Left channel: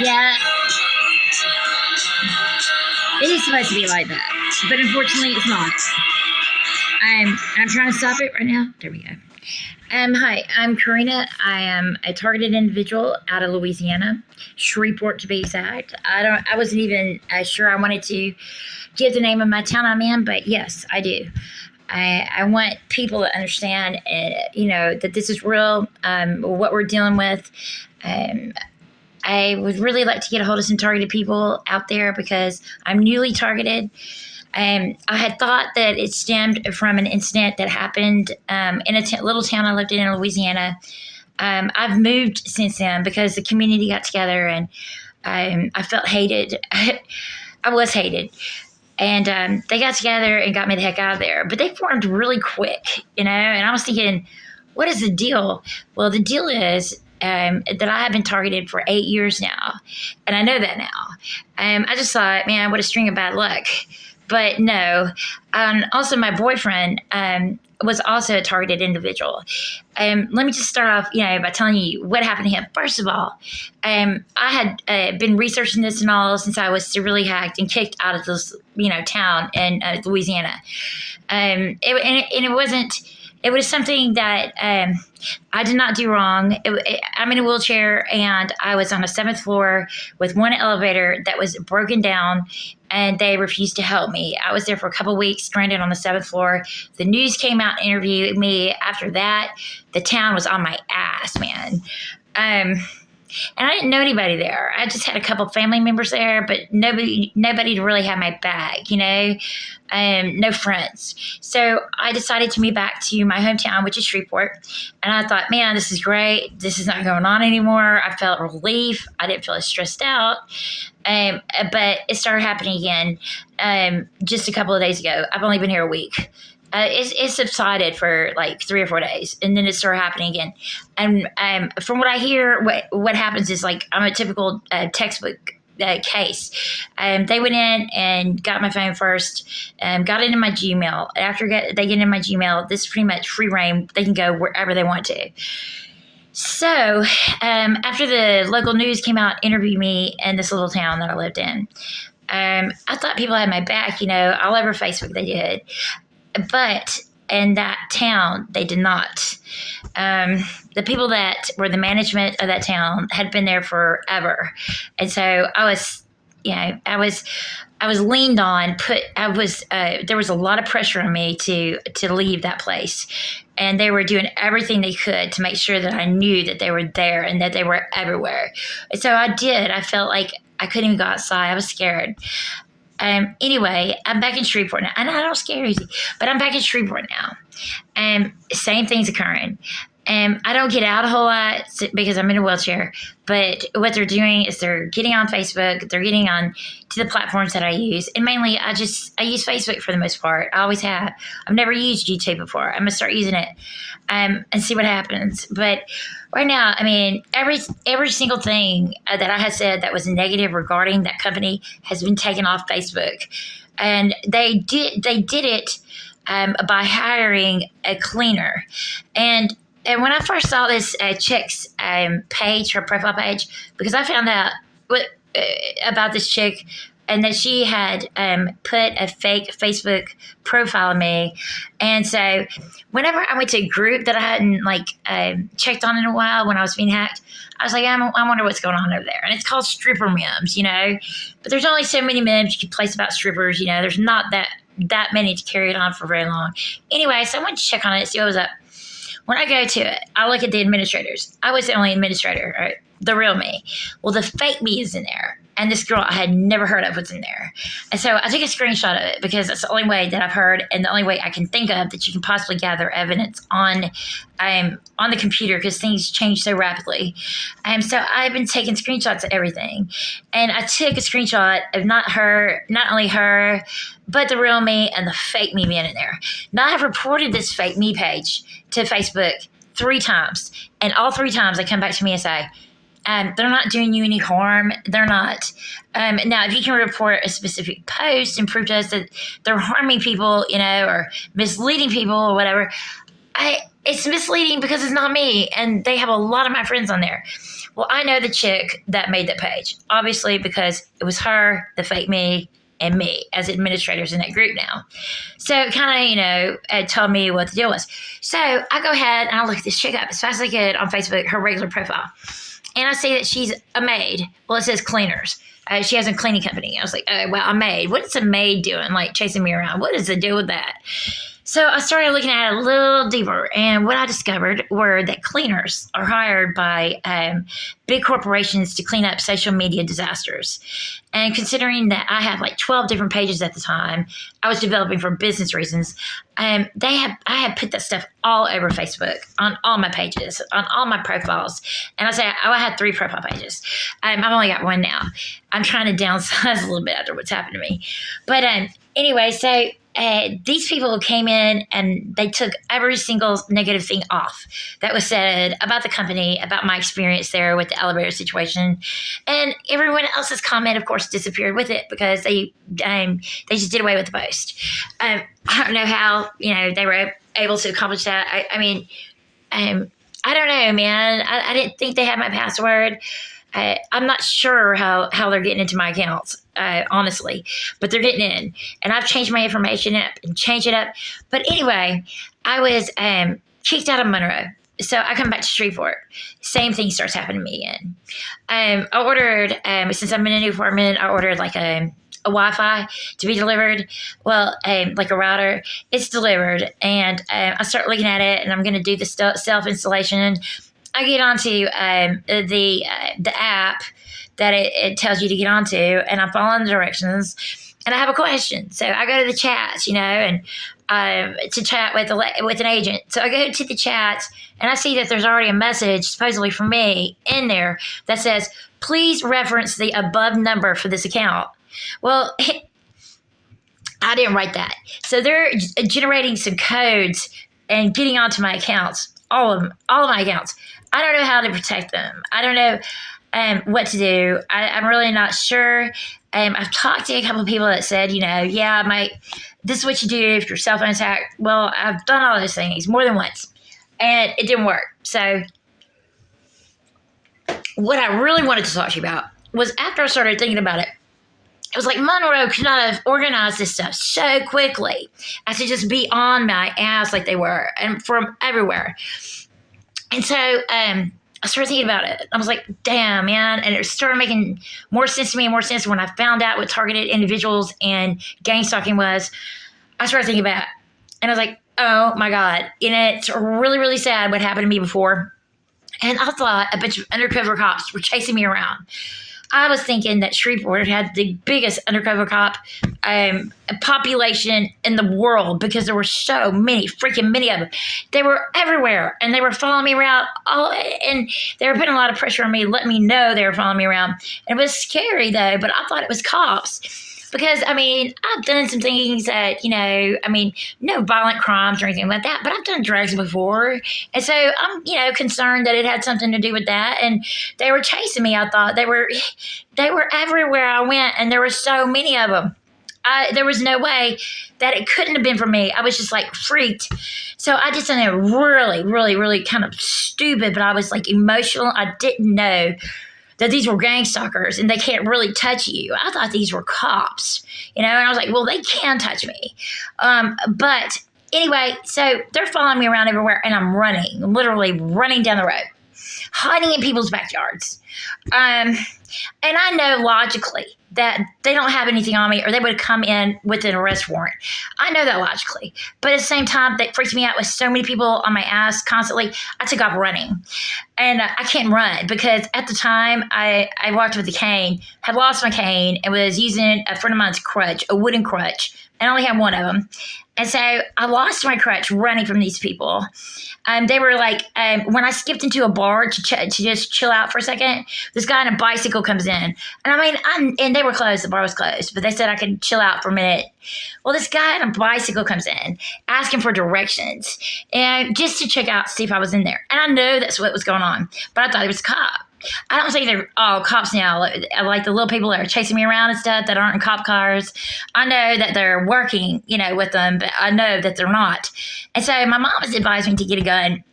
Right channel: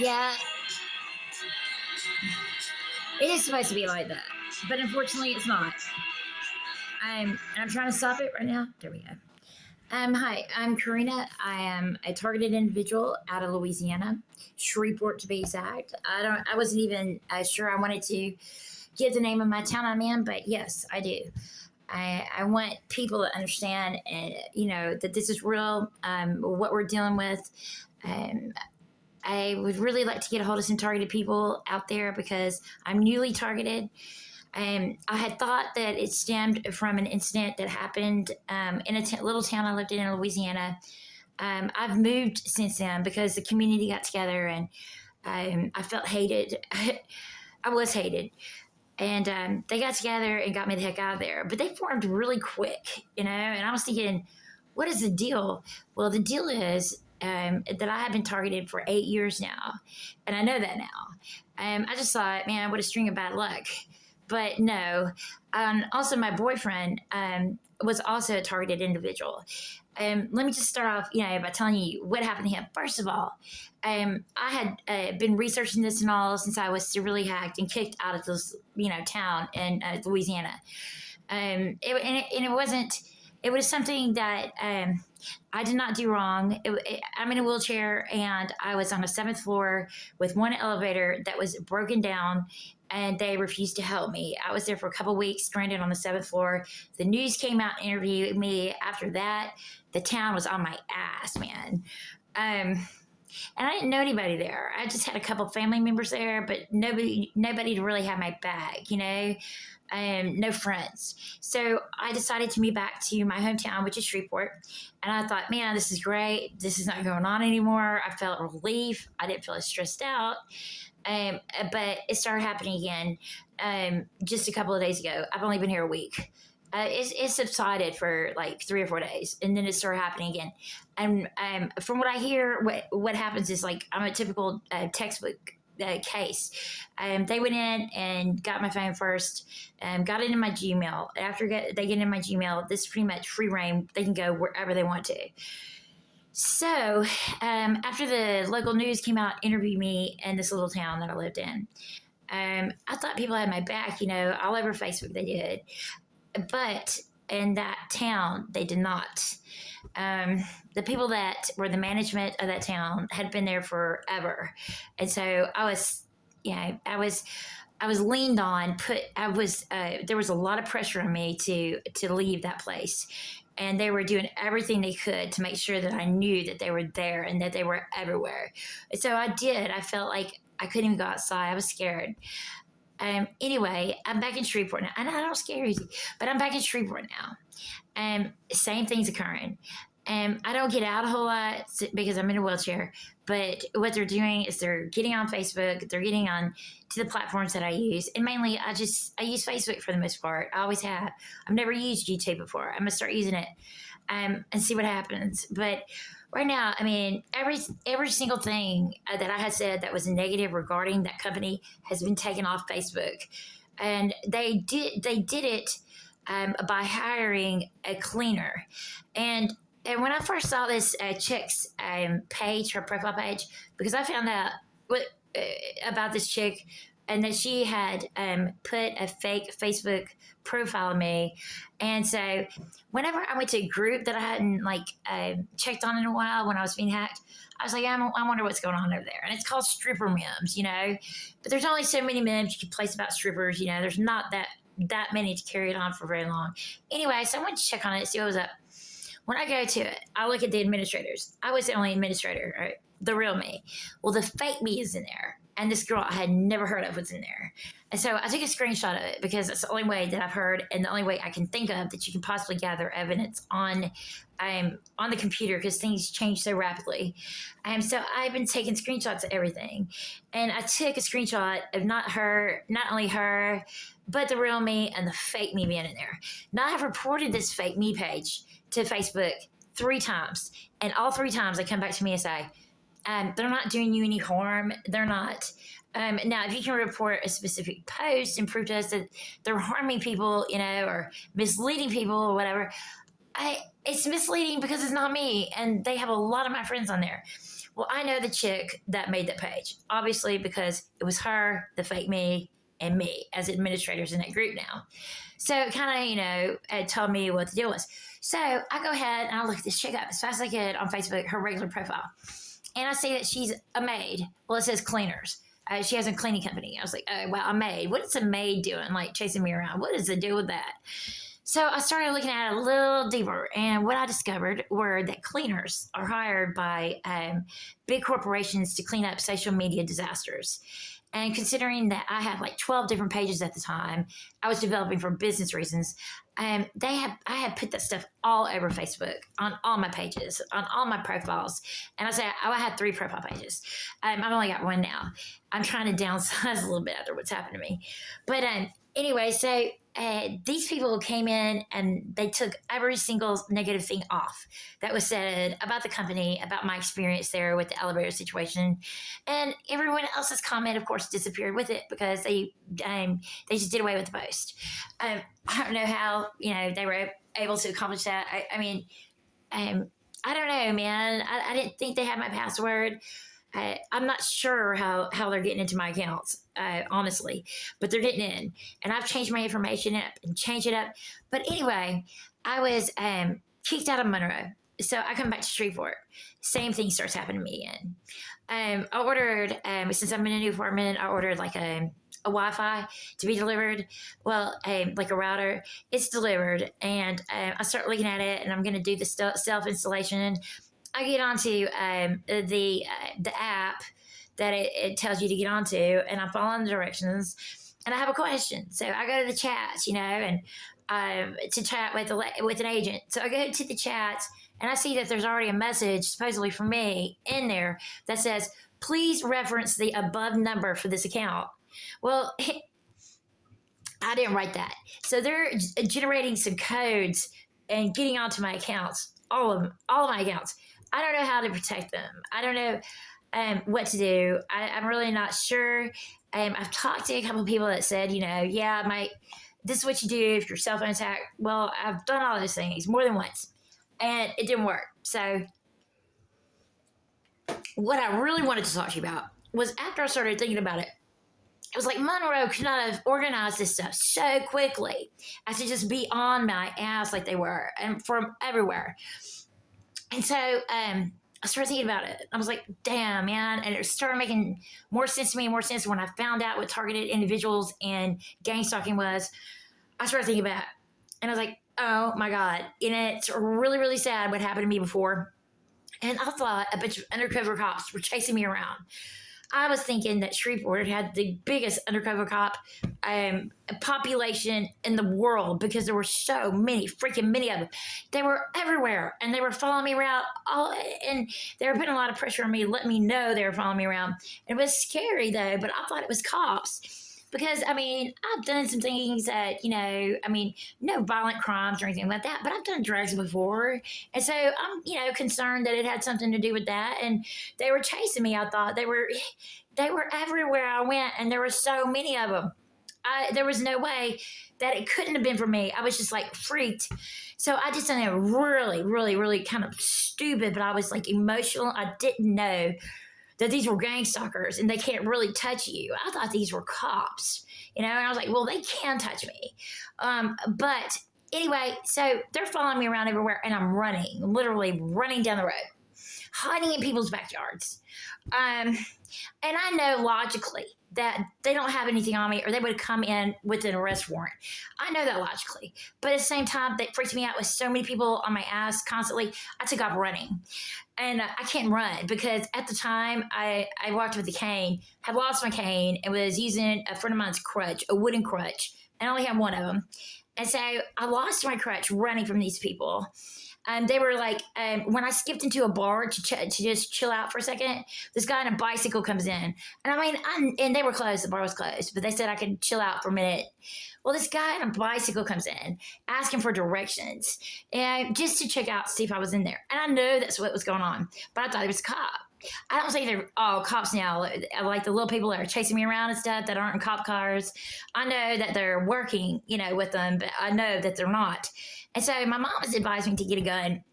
Yeah, it is supposed to be like that, but unfortunately, it's not. I'm trying to stop it right now. There we go. Hi, I'm Karina. I am a targeted individual out of Louisiana, Shreveport to be exact. I wasn't even sure I wanted to give the name of my town I'm in, but yes, I do. I want people to understand, that this is real. What we're dealing with. Um, I would really like to get a hold of some targeted people out there because I'm newly targeted. I had thought that it stemmed from an incident that happened in a little town I lived in Louisiana. I've moved since then because the community got together and I felt hated. I was hated. And they got together and got me the heck out of there. But they formed really quick, and I was thinking, what is the deal? Well, the deal is that I have been targeted for 8 years now. And I know that now. I just thought, man, what a string of bad luck. But no. Also, my boyfriend was also a targeted individual. Let me just start off, by telling you what happened to him. First of all, I had been researching this and all since I was severely hacked and kicked out of this, town in Louisiana. It wasn't. It was something that I did not do wrong. I'm in a wheelchair and I was on a 7th floor with one elevator that was broken down and they refused to help me. I was there for a couple of weeks, stranded on the 7th floor. The news came out and interviewed me. After that, the town was on my ass, man. And I didn't know anybody there. I just had a couple family members there, but nobody to really have my back, no friends. So I decided to move back to my hometown, which is Shreveport. And I thought, man, this is great. This is not going on anymore. I felt relief. I didn't feel as stressed out. But it started happening again just a couple of days ago. I've only been here a week. It subsided for like 3 or 4 days, and then it started happening again. And from what I hear, what happens is like I'm a typical textbook case. They went in and got my phone first, got it in my Gmail. After they get in my Gmail, this is pretty much free reign. They can go wherever they want to. So after the local news came out, interviewed me in this little town that I lived in, I thought people had my back, all over Facebook they did. But in that town, they did not. The people that were the management of that town had been there forever. And so I was leaned on, there was a lot of pressure on me to leave that place. And they were doing everything they could to make sure that I knew that they were there and that they were everywhere. And so I did. I felt like I couldn't even go outside. I was scared. Anyway, I'm back in Shreveport now. I know I don't scare easy, but I'm back in Shreveport now. Same thing's occurring. I don't get out a whole lot because I'm in a wheelchair, but what they're doing is they're getting on Facebook, they're getting on to the platforms that I use, and mainly I use Facebook for the most part. I always have. I've never used YouTube before. I'm going to start using it and see what happens. But right now, I mean, every single thing that I had said that was negative regarding that company has been taken off Facebook. And they did it by hiring a cleaner. And when I first saw this chick's page, her profile page, because I found out about this chick and that she had put a fake Facebook profile on me. And so whenever I went to a group that I hadn't checked on in a while when I was being hacked, I was like, I wonder what's going on over there. And it's called stripper memes, But there's only so many memes you can place about strippers, There's not that many to carry it on for very long. Anyway, so I went to check on it, see what was up. When I go to it, I look at the administrators. I was the only administrator, right? The real me. Well, the fake me is in there. And this girl I had never heard of was in there. And so I took a screenshot of it because it's the only way that I've heard and the only way I can think of that you can possibly gather evidence on the computer because things change so rapidly. So I've been taking screenshots of everything. And I took a screenshot of not only her, but the real me and the fake me being in there. Now I have reported this fake me page to Facebook 3 times. And all 3 times they come back to me and say, they're not doing you any harm. They're not. Now, if you can report a specific post and prove to us that they're harming people, or misleading people or whatever, it's misleading because it's not me. And they have a lot of my friends on there. Well, I know the chick that made that page, obviously, because it was her, the fake me, and me as administrators in that group now. So it kind of, it told me what the deal was. So I go ahead and I look this chick up as fast as I could on Facebook, her regular profile. And I see that she's a maid. Well, it says cleaners. She has a cleaning company. I was like, oh, well, a maid. What is a maid doing, like chasing me around? What is the deal with that? So I started looking at it a little deeper, and what I discovered were that cleaners are hired by big corporations to clean up social media disasters. And considering that I had like 12 different pages at the time, I was developing for business reasons. I had put that stuff all over Facebook, on all my pages, on all my profiles. And I had 3 profile pages. I've only got 1 now. I'm trying to downsize a little bit after what's happened to me. But anyway, so these people came in and they took every single negative thing off that was said about the company, about my experience there with the elevator situation, and everyone else's comment, of course, disappeared with it because they just did away with the post. I don't know how they were able to accomplish that. I don't know, man. I didn't think they had my password. I'm not sure how they're getting into my accounts, honestly, but they're getting in. And I've changed my information up and changed it up. But anyway, I was kicked out of Monroe. So I come back to Shreveport. Same thing starts happening to me again. I ordered, since I'm in a new apartment, I ordered like a Wi-Fi to be delivered. Well, like a router. It's delivered. And I start looking at it, and I'm going to do the self-installation. I get onto the app that it tells you to get onto, and I'm following the directions, and I have a question. So I go to the chats, and to chat with an agent. So I go to the chats, and I see that there's already a message, supposedly from me, in there that says, please reference the above number for this account. Well, I didn't write that. So they're generating some codes and getting onto my accounts, all of my accounts. I don't know how to protect them. I don't know what to do. I'm really not sure. I've talked to a couple of people that said, this is what you do if you're cell phone attacked. Well, I've done all those things more than once, and it didn't work. So what I really wanted to talk to you about was after I started thinking about it, it was like Monroe could not have organized this stuff so quickly as to just be on my ass like they were, and from everywhere. And so I started thinking about it. I was like, damn, man. And it started making more sense to me and more sense when I found out what targeted individuals and gang stalking was. I started thinking about it. And I was like, oh, my God. And it's really, really sad what happened to me before. And I thought a bunch of undercover cops were chasing me around. I was thinking that Shreveport had the biggest undercover cop population in the world because there were so many of them. They were everywhere, and they were following me around. And they were putting a lot of pressure on me, letting me know they were following me around. And it was scary, though, but I thought it was cops. Because, I've done some things that, no violent crimes or anything like that, but I've done drugs before. And so I'm, concerned that it had something to do with that. And they were chasing me, I thought. They were everywhere I went, and there were so many of them. There was no way that it couldn't have been for me. I was just, freaked. So I did something really, really, really kind of stupid, but I was, emotional. I didn't know that these were gangstalkers and they can't really touch you. I thought these were cops, and I was like, well, they can touch me. But anyway, so they're following me around everywhere, and I'm literally running down the road, hiding in people's backyards. And I know logically that they don't have anything on me, or they would come in with an arrest warrant. I know that logically. But at the same time, that freaked me out with so many people on my ass constantly. I took off running. And I can't run because at the time I walked with a cane, had lost my cane, and was using a friend of mine's crutch, a wooden crutch. And I only had one of them. And so I lost my crutch running from these people. They were like, when I skipped into a bar to just chill out for a second, this guy on a bicycle comes in. And and they were closed. The bar was closed. But they said I could chill out for a minute. Well, this guy on a bicycle comes in, asking for directions, and just to check out, see if I was in there. And I know that's what was going on. But I thought it was a cop. I don't think they're all cops now, like the little people that are chasing me around and stuff that aren't in cop cars. I know that they're working, with them, but I know that they're not. And so my mom has advised me to get a gun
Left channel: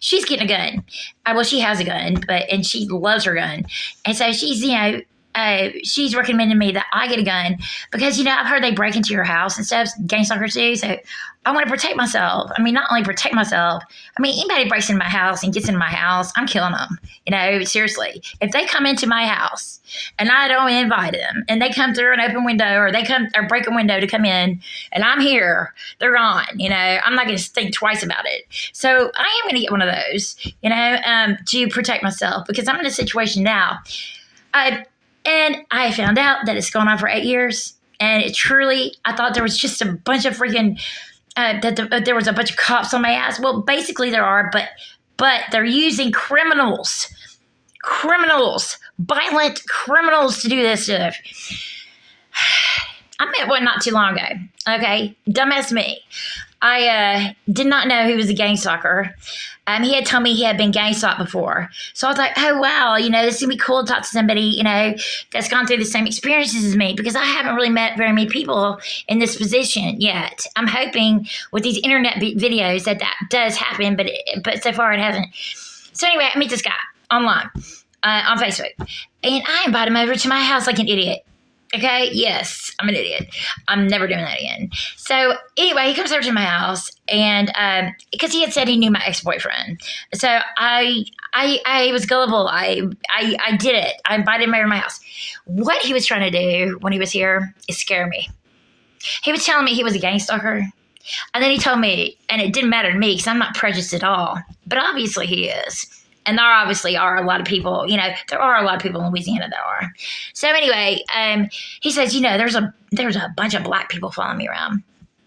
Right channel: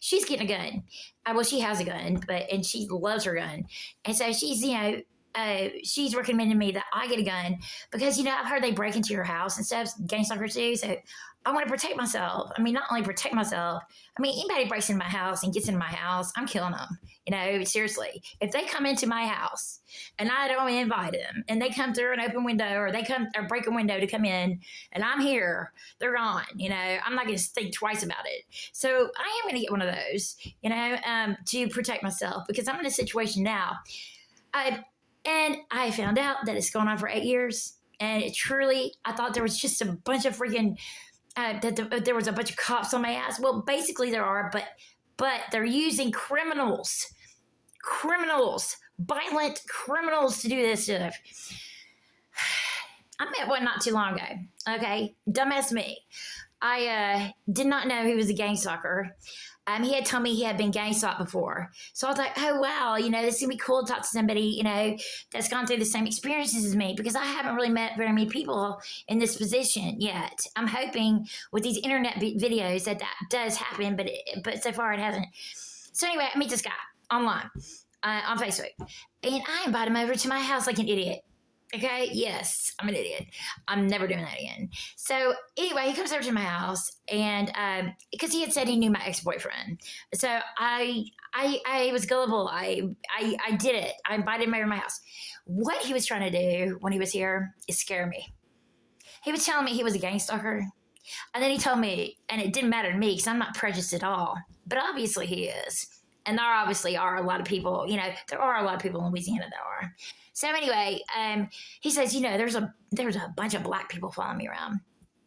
she's getting a gun. Well, she has a gun, and she loves her gun. And so she's recommended me that I get a gun because, I've heard they break into your house and stuff, Gangstalkers do. So I want to protect myself. I mean, not only protect myself, anybody breaks into my house and gets in my house, I'm killing them. Seriously. If they come into my house and I don't invite them and they come through an open window or they come or break a window to come in and I'm here, they're gone. I'm not going to think twice about it. So I am going to get one of those, to protect myself because I'm in a situation now. And I found out that it's gone on for 8 years. And I thought there was just a bunch of freaking, there was a bunch of cops on my ass. Well, basically there are, but they're using criminals, violent criminals to do this stuff. I met one not too long ago. Okay. Dumbass me. I did not know he was a gang stalker. He had told me he had been gang stalked before. So I thought, oh, wow, this is going to be cool to talk to somebody, that's gone through the same experiences as me because I haven't really met very many people in this position yet. I'm hoping with these internet videos that does happen, but so far it hasn't. So anyway, I meet this guy online on Facebook, and I invite him over to my house like an idiot. Okay, yes, I'm an idiot. I'm never doing that again. So anyway, he comes over to my house, and because he had said he knew my ex-boyfriend, so I was gullible. I did it. I invited him over to my house. What he was trying to do when he was here is scare me. He was telling me he was a gang stalker, and then he told me, and it didn't matter to me because I'm not prejudiced at all, but obviously he is. And there obviously are a lot of people, there are a lot of people in Louisiana that are. So anyway, he says, there's a bunch of black people following me around.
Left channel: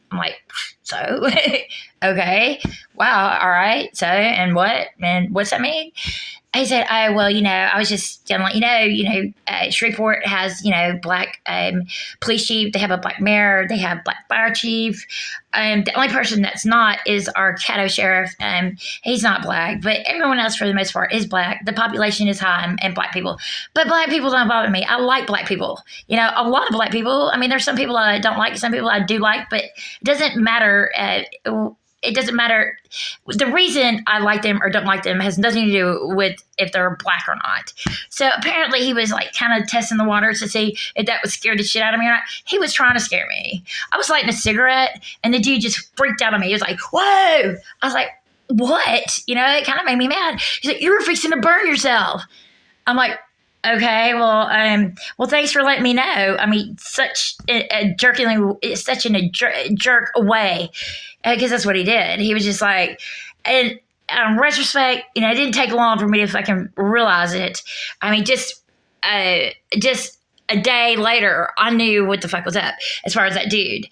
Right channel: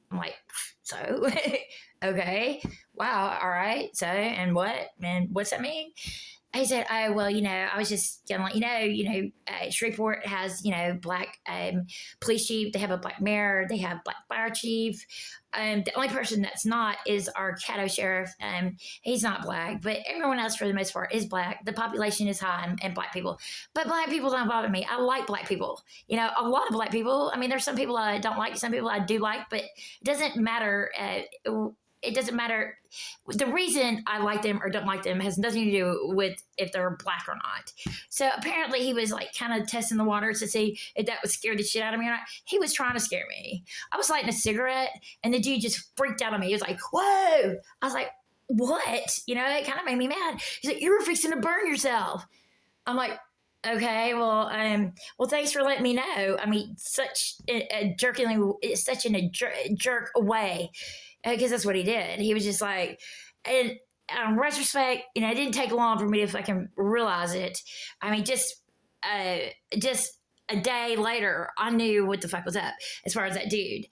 I'm like, so? Okay. Wow. All right. So, and what? And what's that mean? He said, oh, well, I was just going to let you know, Shreveport has, black police chief. They have a black mayor. They have black fire chief. The only person that's not is our Caddo sheriff. He's not black, but everyone else for the most part is black. The population is high and black people. But black people don't bother me. I like black people. A lot of black people. There's some people I don't like, some people I do like, but it doesn't matter. It doesn't matter. The reason I like them or don't like them has nothing to do with if they're black or not. So apparently he was like kind of testing the waters to see if that would scare the shit out of me or not. He was trying to scare me. I was lighting a cigarette and the dude just freaked out on me. He was like, whoa. I was like, what? It kind of made me mad. He's like, you were fixing to burn yourself. I'm like, okay, well, thanks for letting me know. Such a jerk away. Because that's what he did. He was just like, and in retrospect, it didn't take long for me to fucking realize it. Just a day later, I knew what the fuck was up as far as that dude.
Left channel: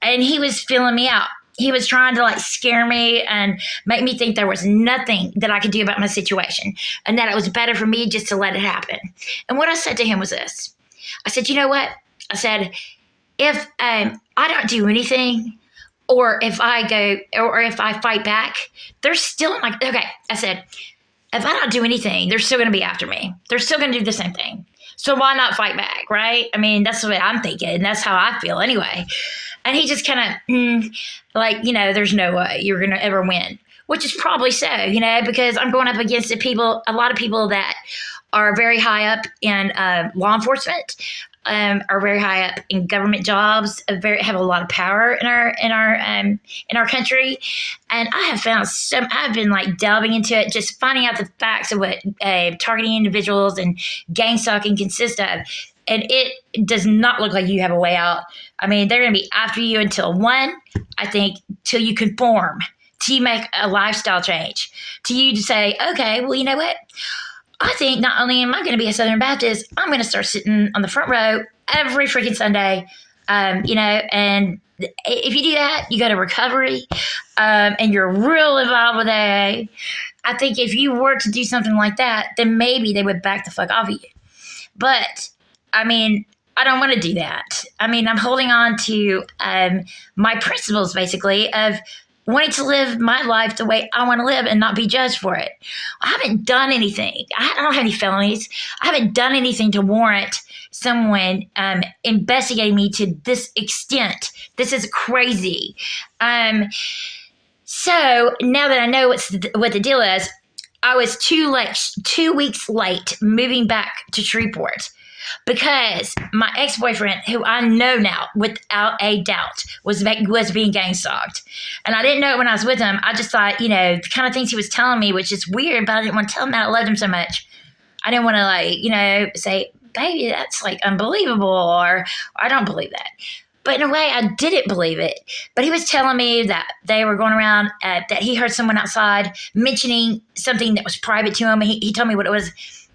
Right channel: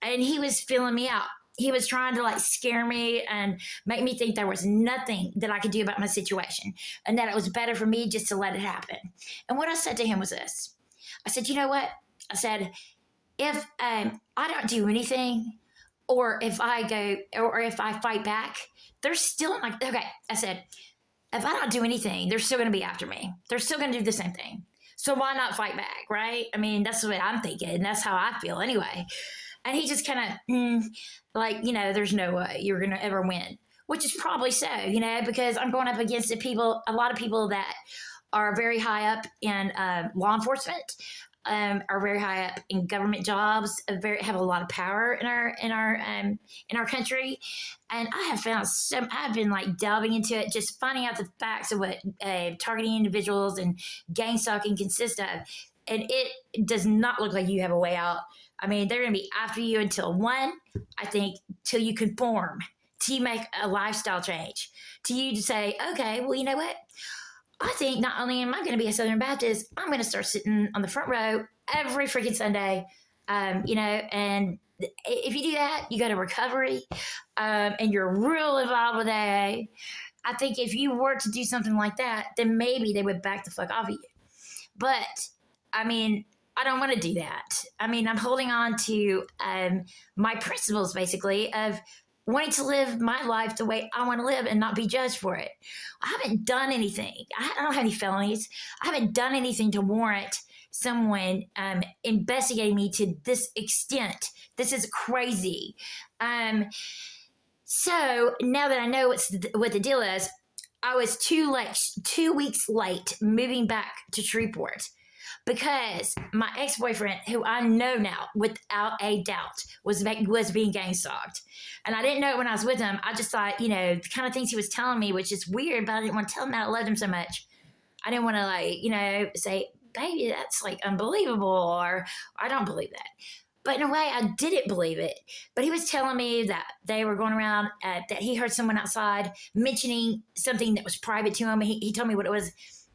And he was feeling me out. He was trying to scare me and make me think there was nothing that I could do about my situation and that it was better for me just to let it happen. And what I said to him was this. I said, you know what? I said, if I don't do anything, or if I fight back, they're still okay. I said, if I don't do anything, they're still going to be after me. They're still going to do the same thing. So why not fight back, right? That's the way I'm thinking. That's how I feel anyway. And he just kind of there's no way you're going to ever win, which is probably so, because I'm going up against a lot of people that are very high up in law enforcement. Are very high up in government jobs, have a lot of power in our country, and I have found I've been delving into it, just finding out the facts of what targeting individuals and gang stalking consists of, and it does not look like you have a way out. They're going to be after you until till you conform, till you make a lifestyle change, till you say, okay, well, you know what? I think not only am I going to be a Southern Baptist, I'm going to start sitting on the front row every freaking Sunday, and if you do that, you go to recovery, and you're real involved with AA. I think if you were to do something like that, then maybe they would back the fuck off of you. But, I don't want to do that. I'm holding on to my principles, basically, of wanting to live my life the way I want to live and not be judged for it. I haven't done anything. I don't have any felonies. I haven't done anything to warrant someone investigating me to this extent. This is crazy. So now that I know what the deal is, I was 2 weeks late moving back to Shreveport because my ex-boyfriend, who I know now without a doubt was being gang stalked. And I didn't know it when I was with him. I just thought, the kind of things he was telling me, which is weird, but I didn't want to tell him that I loved him so much. I didn't want to say, baby, that's like unbelievable, or I don't believe that. But in a way, I didn't believe it. But he was telling me that they were going around, that he heard someone outside mentioning something that was private to him. He told me what it was.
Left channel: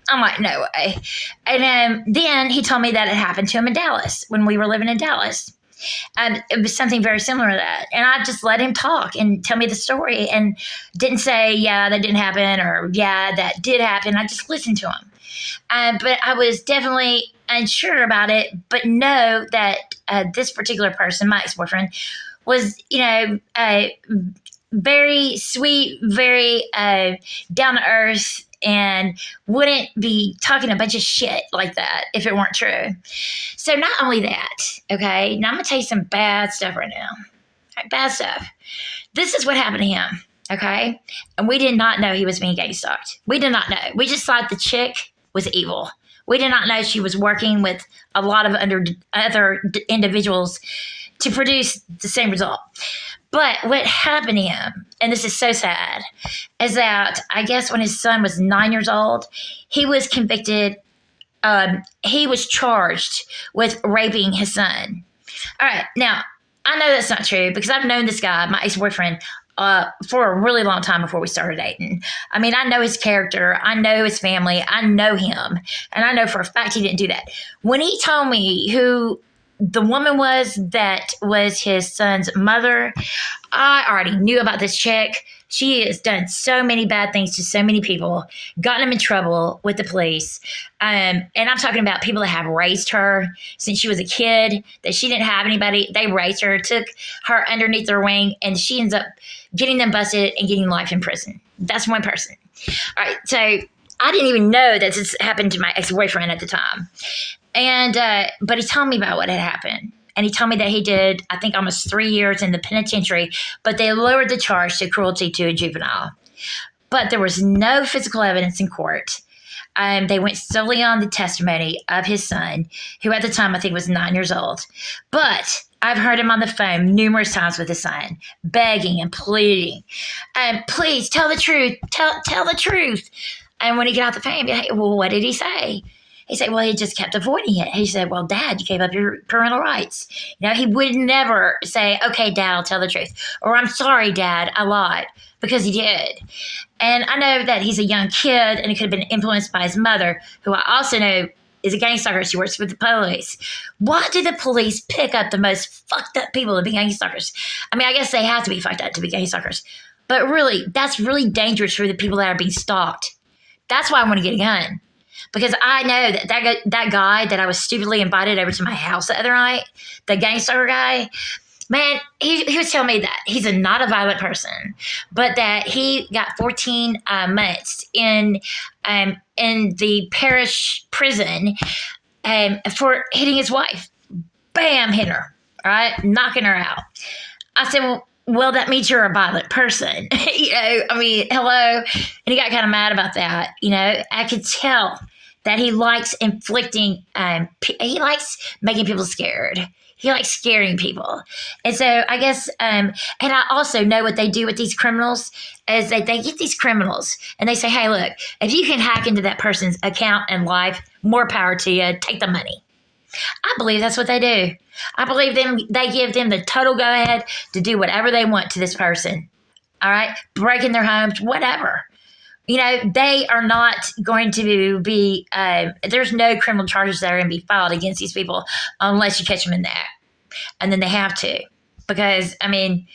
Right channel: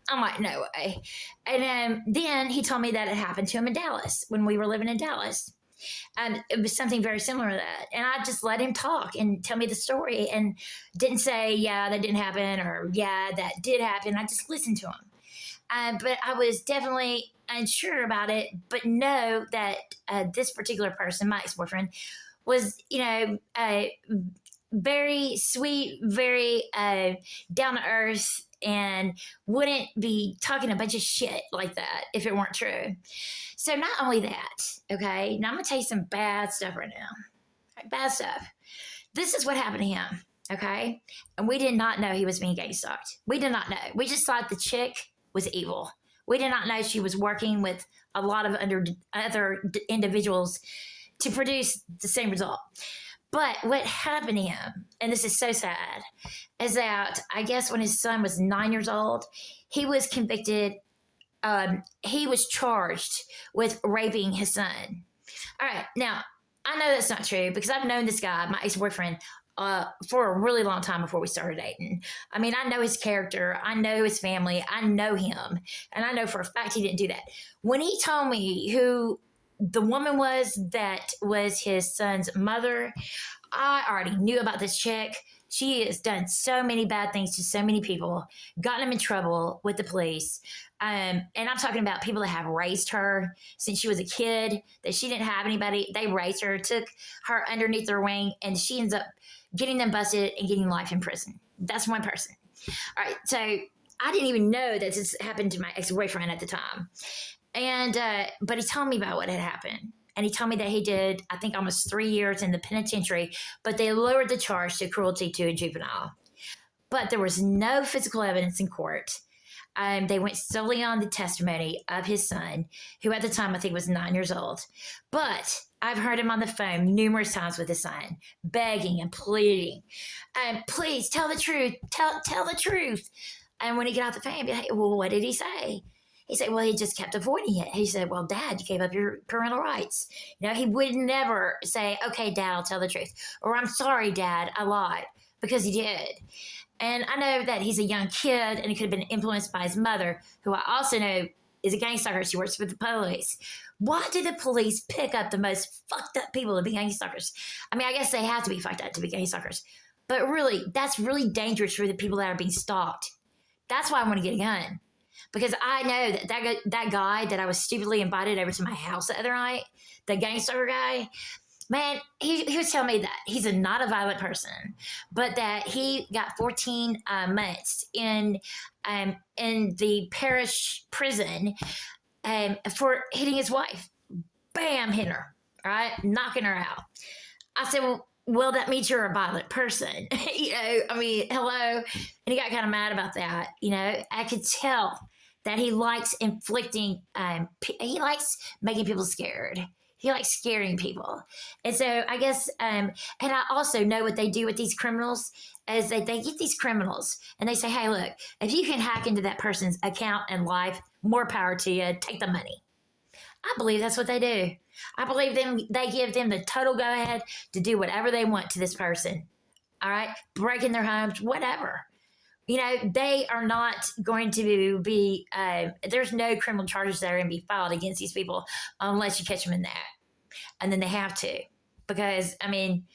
I'm like, no way. And then he told me that it happened to him in Dallas when we were living in Dallas. And it was something very similar to that. And I just let him talk and tell me the story and didn't say, yeah, that didn't happen, or yeah, that did happen. I just listened to him. But I was definitely unsure about it, but know that this particular person, my ex-boyfriend, was, very sweet, very down to earth, and wouldn't be talking a bunch of shit like that if it weren't true. So not only that, okay, now I'm going to tell you some bad stuff right now. Right, bad stuff. This is what happened to him, okay? And we did not know he was being gang stalked. We did not know. We just thought the chick was evil. We did not know she was working with a lot of other individuals to produce the same result. But what happened to him, and this is so sad, is that I guess when his son was 9 years old, he was convicted. He was charged with raping his son. All right. Now, I know that's not true because I've known this guy, my ex-boyfriend, for a really long time before we started dating. I mean, I know his character. I know his family. I know him. And I know for a fact he didn't do that. When he told me who the woman was that was his son's mother, I already knew about this chick. She has done so many bad things to so many people, gotten them in trouble with the police. And I'm talking about people that have raised her since she was a kid, that she didn't have anybody. They raised her, took her underneath their wing, and she ends up getting them busted and getting life in prison. That's one person. All right. So I didn't even know that this happened to my ex-boyfriend at the time. And but he told me about what had happened. And he told me that he did, I think, almost 3 years in the penitentiary, but they lowered the charge to cruelty to a juvenile. But there was no physical evidence in court. They went solely on the testimony of his son, who at the time I think was 9 years old. But I've heard him on the phone numerous times with his son, begging and pleading, please tell the truth, tell the truth. And when he got off the phone, he'd be like, well, what did he say? He said, well, he just kept avoiding it. He said, well, Dad, you gave up your parental rights. He would never say, okay, Dad, I'll tell the truth. Or I'm sorry, Dad, I lied, because he did. And I know that he's a young kid and he could have been influenced by his mother, who I also know is a gangstalker. She works with the police. Why do the police pick up the most fucked up people to be gangstalkers? I mean, I guess they have to be fucked up to be gangstalkers. But really, that's really dangerous for the people that are being stalked. That's why I want to get a gun. Because I know that guy that I was stupidly invited over to my house the other night, the gangstalker guy, man, he was telling me that he's not a violent person, but that he got 14 months in the parish prison for hitting his wife. Bam, hitting her, all right, knocking her out. I said, well, that means you're a violent person. I mean, hello. And he got kind of mad about that. I could tell that he likes inflicting, he likes making people scared. He likes scaring people. And so I guess, and I also know what they do with these criminals is that they get these criminals and they say, hey, look, if you can hack into that person's account and life, more power to you, take the money. I believe that's what they do. I believe they give them the total go ahead to do whatever they want to this person. All right? Breaking their homes, whatever. They are not going to be, there's no criminal charges that are going to be filed against these people unless you catch them in that. And then they have to. Because, I mean,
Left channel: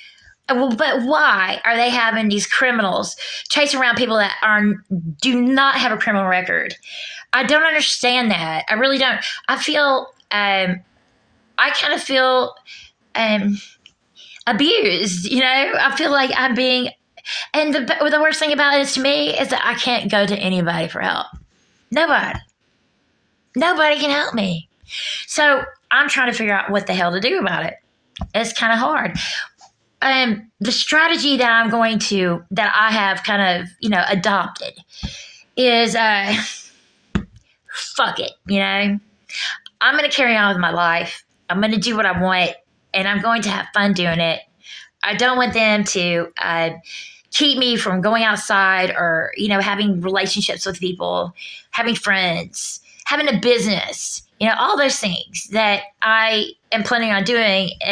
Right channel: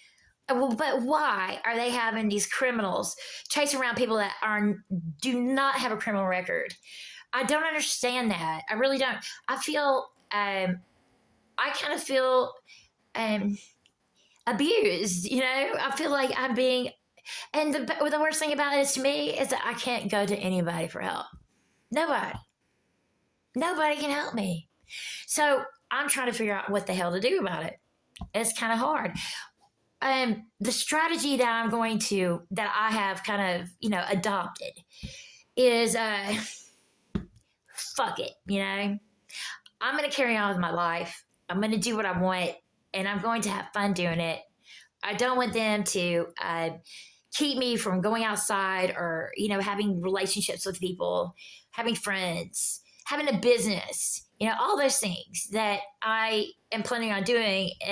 but why are they having these criminals chase around people that do not have a criminal record? I don't understand that. I really don't. I feel, I kind of feel abused, I feel like I'm being, and the worst thing about it to me is that I can't go to anybody for help. Nobody can help me. So I'm trying to figure out what the hell to do about it. It's kind of hard. the strategy that I have kind of, adopted is fuck it, I'm going to carry on with my life. I'm going to do what I want, and I'm going to have fun doing it. I don't want them to keep me from going outside or, having relationships with people, having friends, having a business, all those things that I am planning on doing.